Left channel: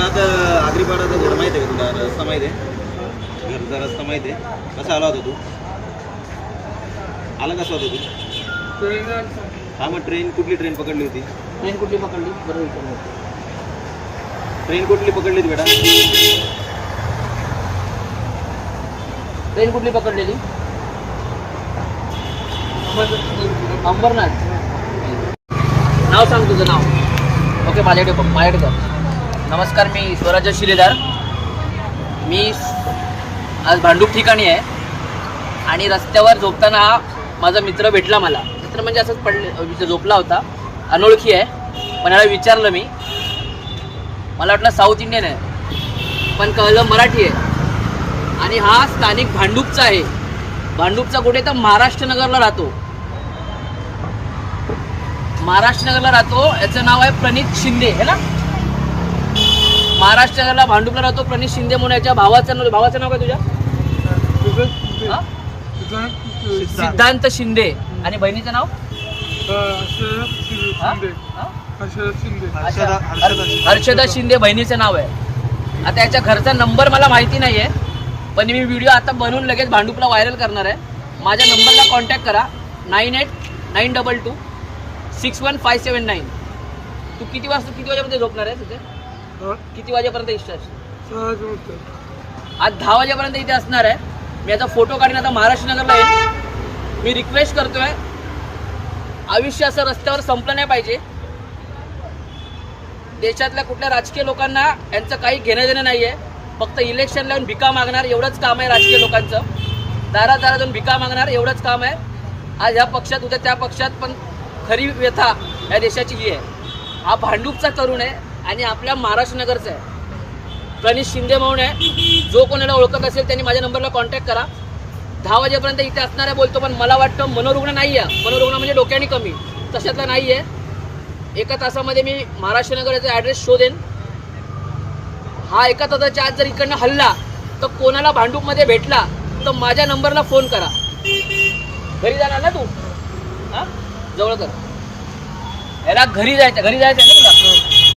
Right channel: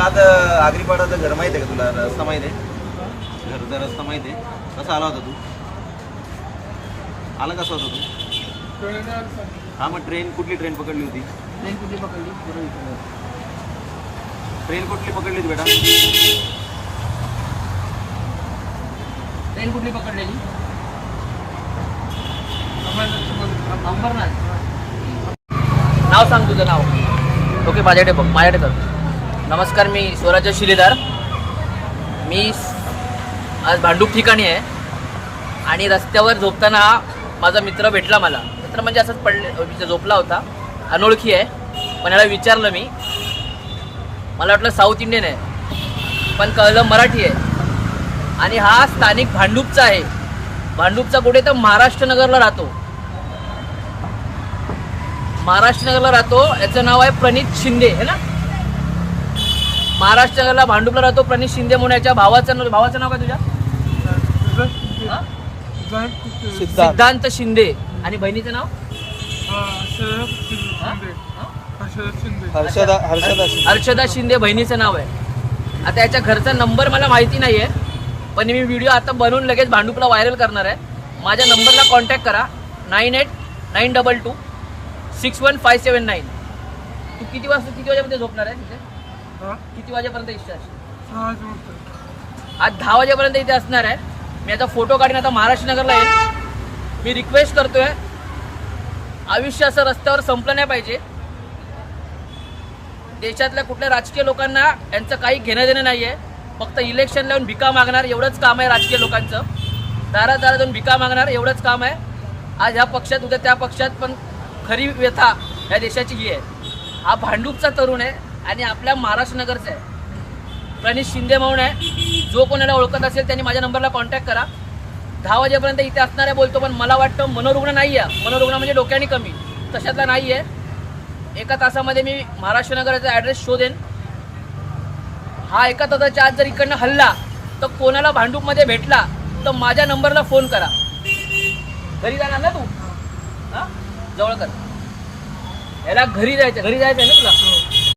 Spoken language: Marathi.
तुला आता आगरीपाडाचा घर माहिती आहे का? तुला रस्ता माहिती आहे? घरचा रस्ता माहिती आहे? कसा आला होता तू? आला कसा होता तू? हा, मग ट्रेन कुठली ट्रेन पकडली होती? ट्रेन कुठली पकडली बरोबर विचारलं. ट्रेन कुठली पकडली होती बेटा? ट्रेन कुठली पकडलेली? अंबरनाथ. नाव सांग तुझं नाव. ओके, माझ्याकडे बघ, माझ्याकडे कर. नमस्कार, मी स्वराज्य शिलेदार. मी आज भांडूप ठिकाणी आहे आणि रस्त्यावर झोपताना हा माझा मित्र भेटला. मला मित्र म्हणजे असंच पडले झोपला होता, अनोळखी आहे. पण याला विचारलं मी, मला वाटलं साऊथ इंडियन आहे, पण कळलं मराठी आहे. आणि हा स्थानिक भांडूपचा आहे. भांडूपचा कुठे तर महाराष्ट्र नगरला राहतो. महाराष्ट्र नगरला राहतो. याचं नाव आहे प्रणित शिंदे, है ना? महाराष्ट्र नगरला भांडूपला राहतो प्रणित शिंदे म्हणून. याच्या भावाचं नाव काय तुझ्या? सिद्धांत शिंदे. आणि बहिणीचं नाव हर्षदा शिंदे बहिणीचं नाव आहे. आता याच्या घरचा नंबर मला माहिती नाही आहे, पण मी व्हिडिओ आता बनवून लगेच भांडूपला व्हायरल करणार आहे. माझ्या नंबरला कॉन्टॅक्ट करा, 9892261579. तू किती वाजेपर्यंत झोपणार आहे तिथे? किती वाजेपर्यंत इष्ट असेल? आज 10 वाजेपर्यंत इथे असणार आहे. मी आता फोटो काढून आता महाराष्ट्र नगरला येईल. मी रिक्वेस्ट करतोय, आयुष्य असं रस्त्यावर संपलं नाही पाहिजे. देशातल्या कुठल्या राजकीय लोकांना यांचं काही घेणं देणं नाही आहे. फक्त इलेक्शन लावून भिका मागणार एवढंच काम आहे राजकीय लोकांचं. दारात जाऊन भिका मागणार एवढंच काम आहे. आज ह्या पक्षात उद्या त्या पक्षात, पण खरी व्यथा या देशाची ही आहे. हा भांडूपचा तरुण आहे आणि आपल्या महाराष्ट्र नगरचा आहे. प्रणित शिंदे म्हणून आहे. जो कोणाला ओळखत असेल त्यांनी माझ्या नंबरला कॉन्टॅक्ट करा. 10 वाजेपर्यंत इथे असणार आहे बोलतो, पण मला वाटतं मनोरुग्ण नाही आहे. मनोरुग्ण म्हणजे डोक्याने कमी, तशातला नाही आहे. एका तासामध्ये मी महाराष्ट्र नगराचा ॲड्रेस शोधेन. हा एका तासाच्या आत जर इकडनं हल्ला तर कोणाला भांडूपमध्ये भेटला तर माझ्या नंबरला फोन करा. घरी जाणार ना तू? हा, जवळ कर. याला घरी जायचं आहे ना तुला?